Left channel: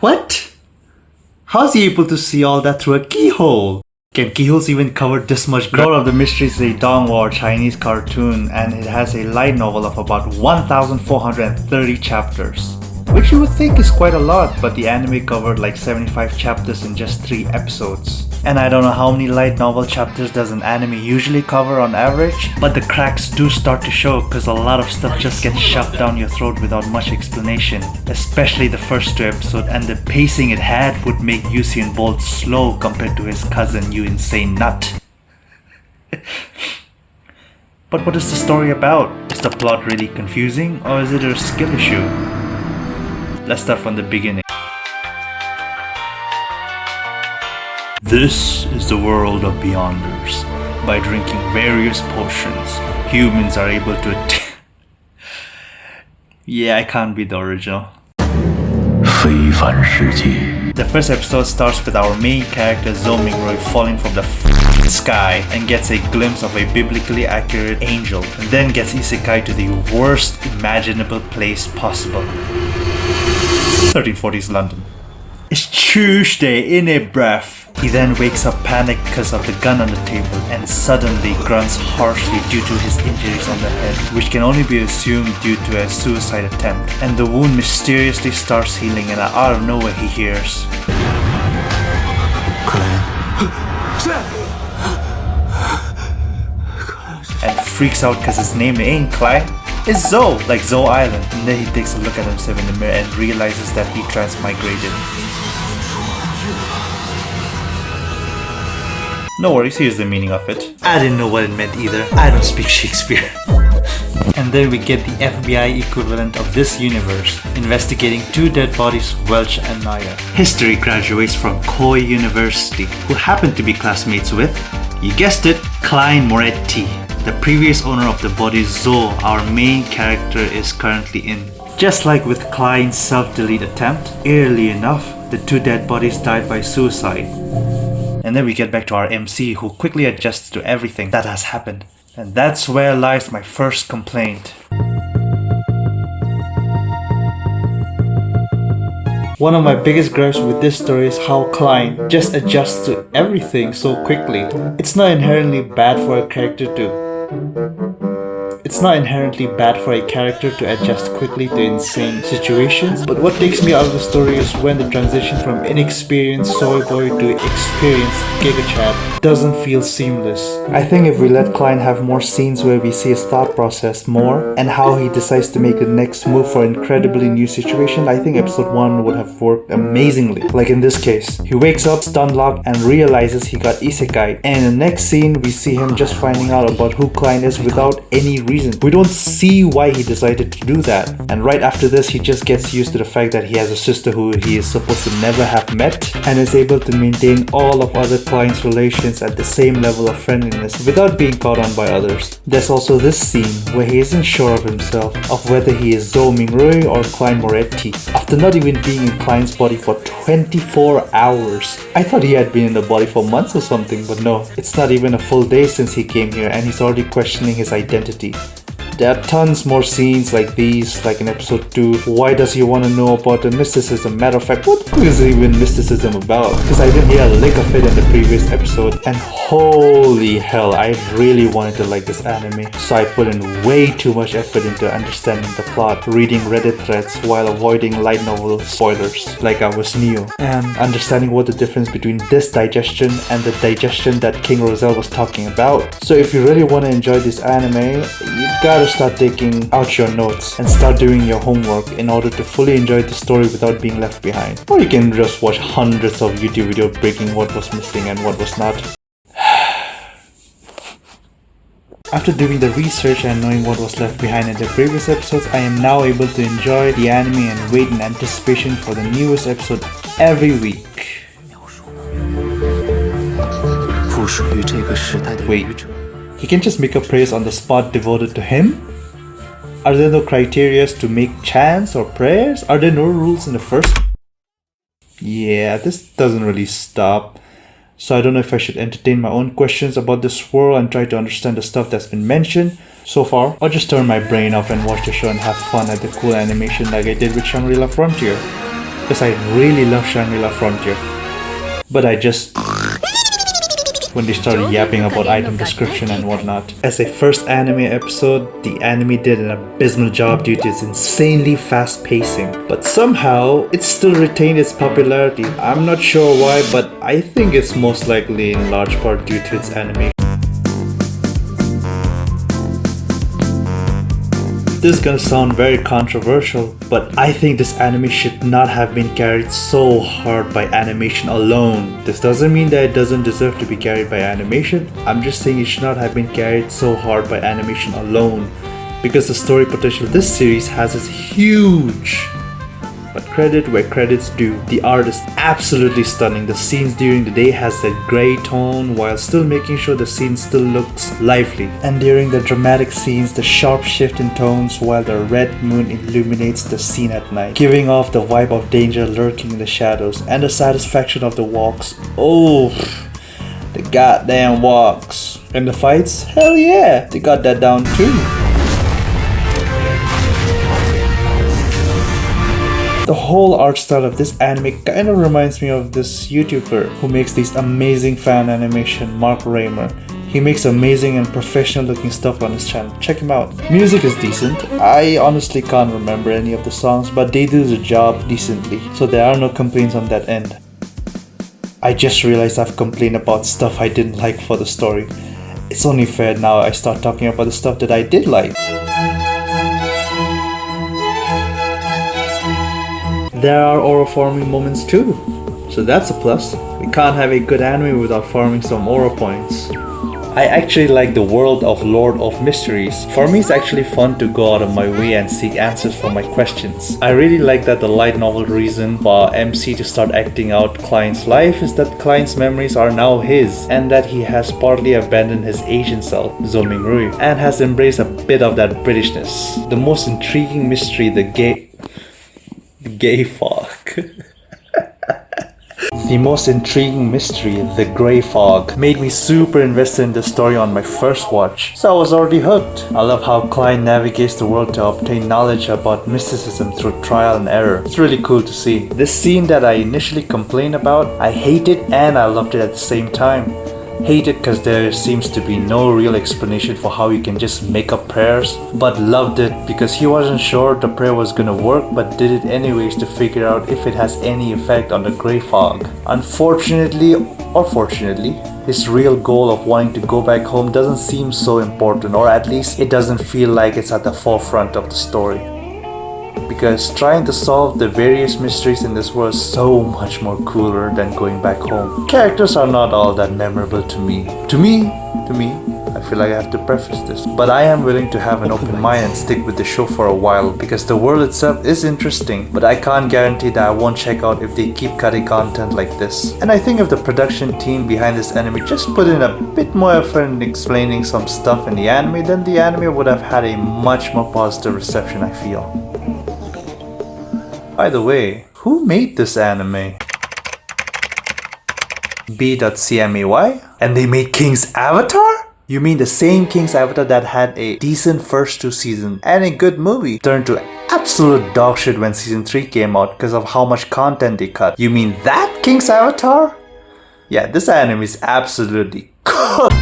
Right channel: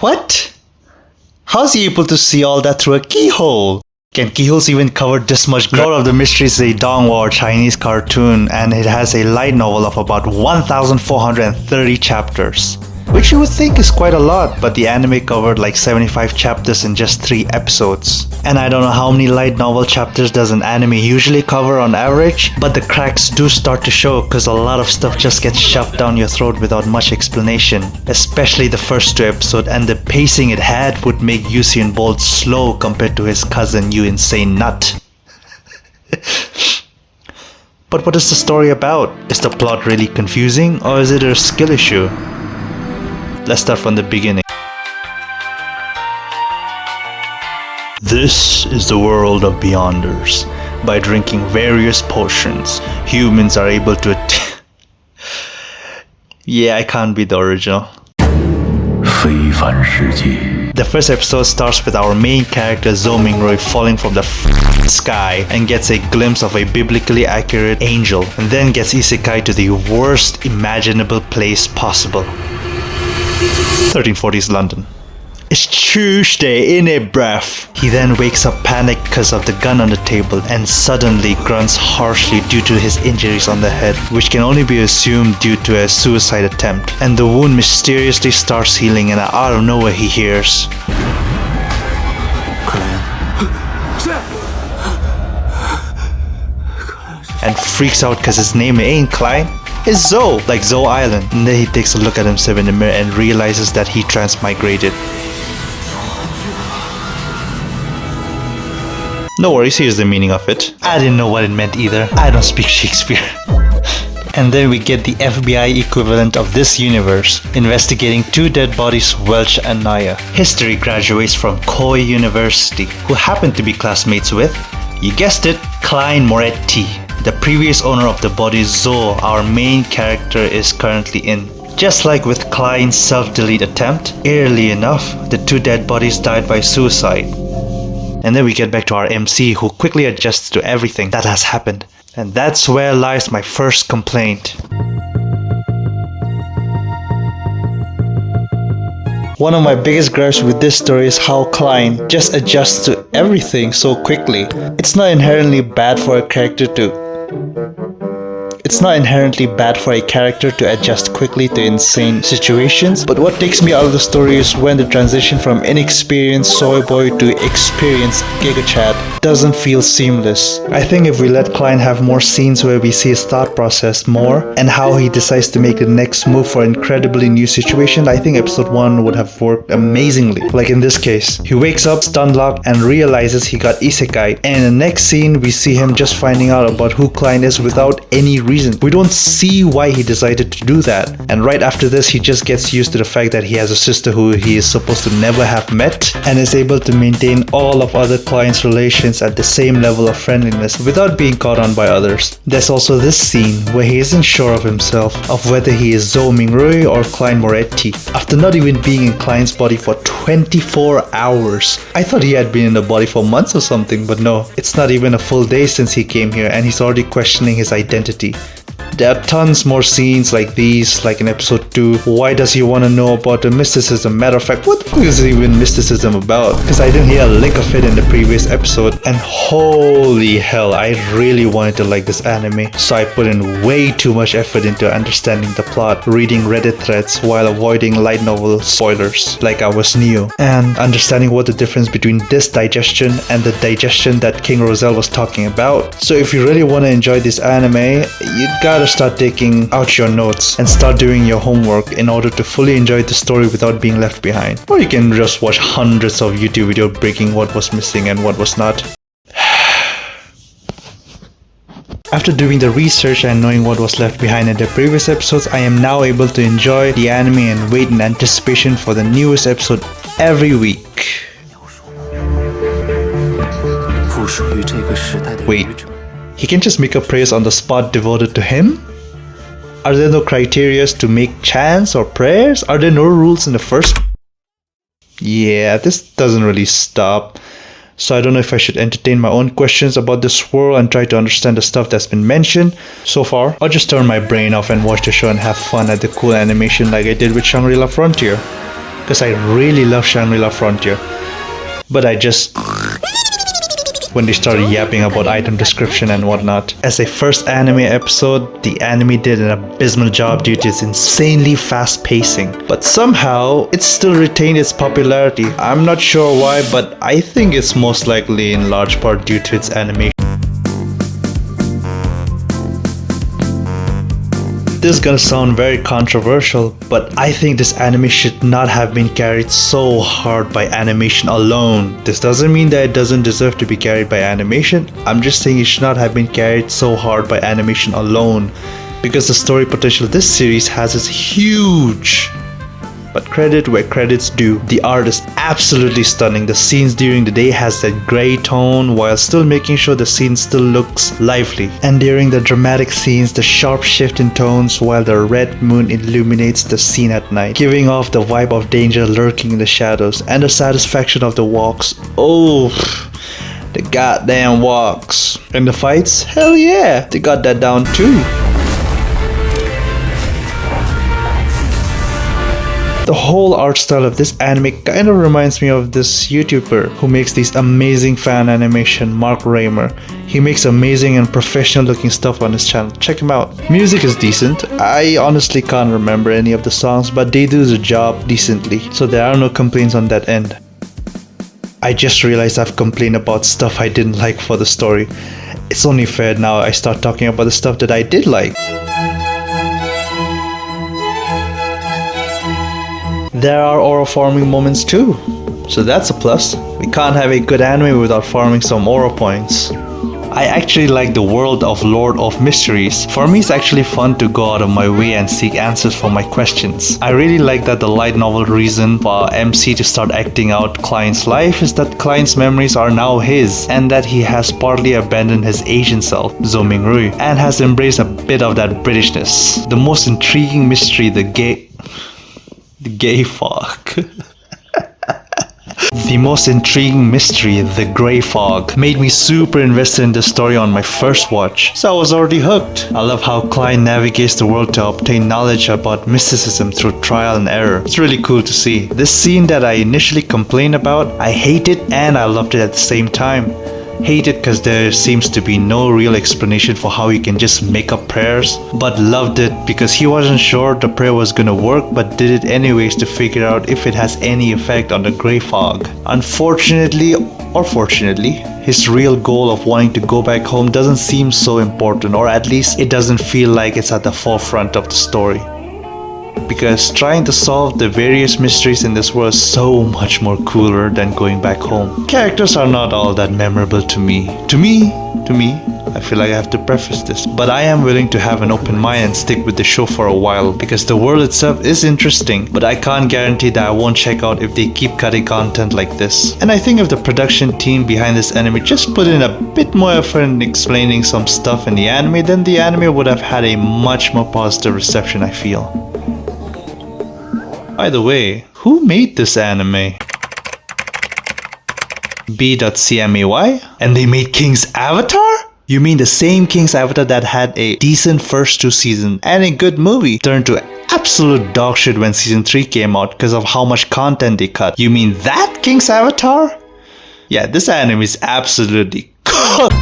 What? How's he able to see all that through a keyhole? Can keyholes even cover this much ground? Lord of the Mysteries is a donghua Chinese cartoon, and it has a light novel of about 1,430 chapters. Which you would think is quite a lot, but the anime covered like 75 chapters in just 3 episodes. And I don't know how many light novel chapters does an anime usually cover on average, but the cracks do start to show because a lot of stuff just gets shoved down your throat without much explanation. Especially the first 2 episodes, and the pacing it had would make Usain Bolt slow compared to his cousin, you insane nut. But what is the story about? Is the plot really confusing, or is it a skill issue? Let's start from the beginning. This is the world of Beyonders. By drinking various potions, humans are able to Yeah, I can't be the original. The first episode starts with our main character Zhou Mingrui falling from the sky and gets a glimpse of a biblically accurate angel, and then gets isekai to the worst imaginable place possible. 1340s London. It's Tuesday in a breath. He then wakes up panicked because of the gun on the table and suddenly grunts harshly due to his injuries on the head, which can only be assumed due to a suicide attempt. And the wound mysteriously starts healing, and out of nowhere he hears and freaks out because his name ain't Klein. It's Zoe, like Zoe Island. And then he takes a look at himself in the mirror and realizes that he transmigrated. No worries, here's the meaning of it. I didn't know what it meant either. I don't speak Shakespeare. And then we get the FBI equivalent of this universe, investigating 2 dead bodies, Welch and Naya. History graduates from Koi University, who happen to be classmates with, you guessed it, Klein Moretti. The previous owner of the body, Zoe, our main character, is currently in. Just like with Klein's self-delete attempt, eerily enough, the 2 dead bodies died by suicide. And then we get back to our MC, who quickly adjusts to everything that has happened. And that's where lies my first complaint. One of my biggest gripes with this story is how Klein just adjusts to everything so quickly. It's not inherently bad for a character to adjust quickly to insane situations, but what takes me out of the story is when the transition from inexperienced soy boy to experienced Giga Chad doesn't feel seamless. I think if we let Klein have more scenes where we see his thought process more and how he decides to make the next move for incredibly new situations, I think episode 1 would have worked amazingly. Like in this case, he wakes up stun locked and realizes he got isekai, and in the next scene we see him just finding out about who Klein is without any reason. We don't see why he decided to do that. And right after this, he just gets used to the fact that he has a sister who he is supposed to never have met, and is able to maintain all of other clients' relations at the same level of friendliness without being caught on by others. There's also this scene where he isn't sure of himself, of whether he is Zhou Mingrui or Klein Moretti, after not even being in Klein's body for 24 hours. I thought he had been in the body for months or something, but no, it's not even a full day since he came here, and he's already questioning his identity. There are tons more scenes like these, like in episode 2. Why does he want to know about the mysticism? Matter of fact, what the fuck is even mysticism about? Because I didn't hear a lick of it in the previous episode. And holy hell, I really wanted to like this anime. So I put in way too much effort into understanding the plot, reading Reddit threads while avoiding light novel spoilers like I was new, and understanding what the difference between this digestion and the digestion that King Roselle was talking about. So if you really want to enjoy this anime, you gotta start taking out your notes and start doing your homework in order to fully enjoy the story without being left behind. Or you can just watch hundreds of YouTube videos breaking what was missing and what was not. After doing the research and knowing what was left behind in the previous episodes, I am now able to enjoy the anime and wait in anticipation for the newest episode every week. Wait, he can just make a praise on the spot devoted to him? Are there no criteria to make chants or prayers? Are there no rules in the first? Yeah, this doesn't really stop. So I don't know if I should entertain my own questions about this world and try to understand the stuff that's been mentioned so far, or just turn my brain off and watch the show and have fun at the cool animation like I did with Shangri-La Frontier. Because I really love Shangri-La Frontier. But I just... when they started yapping about item description and whatnot. As a first anime episode, the anime did an abysmal job due to its insanely fast pacing. But somehow, it still retained its popularity. I'm not sure why, but I think it's most likely in large part due to its animation. This is gonna sound very controversial, but I think this anime should not have been carried so hard by animation alone. This doesn't mean that it doesn't deserve to be carried by animation. I'm just saying it should not have been carried so hard by animation alone, because the story potential of this series has is huge. But credit where credit's due. The art is absolutely stunning. The scenes during the day has that grey tone while still making sure the scene still looks lively. And during the dramatic scenes, the sharp shift in tones while the red moon illuminates the scene at night, giving off the vibe of danger lurking in the shadows, and the satisfaction of the walks. Oh, the goddamn walks. And the fights? Hell yeah, they got that down too. The whole art style of this anime kind of reminds me of this YouTuber who makes these amazing fan animation, Mark Raymer. He makes amazing and professional looking stuff on his channel. Check him out. Music is decent. I honestly can't remember any of the songs, but they do the job decently, so there are no complaints on that end. I just realized I've complained about stuff I didn't like for the story. It's only fair now I start talking about the stuff that I did like. There are aura farming moments too, so that's a plus. We can't have a good anime without farming some aura points. I actually like the world of Lord of Mysteries. For me, it's actually fun to go out of my way and seek answers for my questions. I really like that the light novel reason for MC to start acting out Klein's life is that Klein's memories are now his, and that he has partly abandoned his Asian self, Zo Ming-rui, and has embraced a bit of that Britishness. The most intriguing mystery, the gay fog. The most intriguing mystery, the grey fog, made me super invested in the story on my first watch, so I was already hooked. I love how Klein navigates the world to obtain knowledge about mysticism through trial and error. It's really cool to see. This scene that I initially complained about, I hate it and I loved it at the same time. Hate it because there seems to be no real explanation for how he can just make up prayers, but loved it because he wasn't sure the prayer was gonna work but did it anyways to figure out if it has any effect on the grey fog. Unfortunately, or fortunately, his real goal of wanting to go back home doesn't seem so important, or at least it doesn't feel like it's at the forefront of the story. Because trying to solve the various mysteries in this world is so much more cooler than going back home. Characters are not all that memorable to me. To me, I feel like I have to preface this, but I am willing to have an open mind and stick with the show for a while because the world itself is interesting, but I can't guarantee that I won't check out if they keep cutting content like this. And I think if the production team behind this anime just put in a bit more effort in explaining some stuff in the anime, then the anime would have had a much more positive reception, I feel. By the way, who made this anime? B.CMAY? And they made King's Avatar? You mean the same King's Avatar that had a decent first 2 seasons and a good movie turned to absolute dog shit when season 3 came out because of how much content they cut? You mean that King's Avatar? Yeah, this anime is absolutely cooked.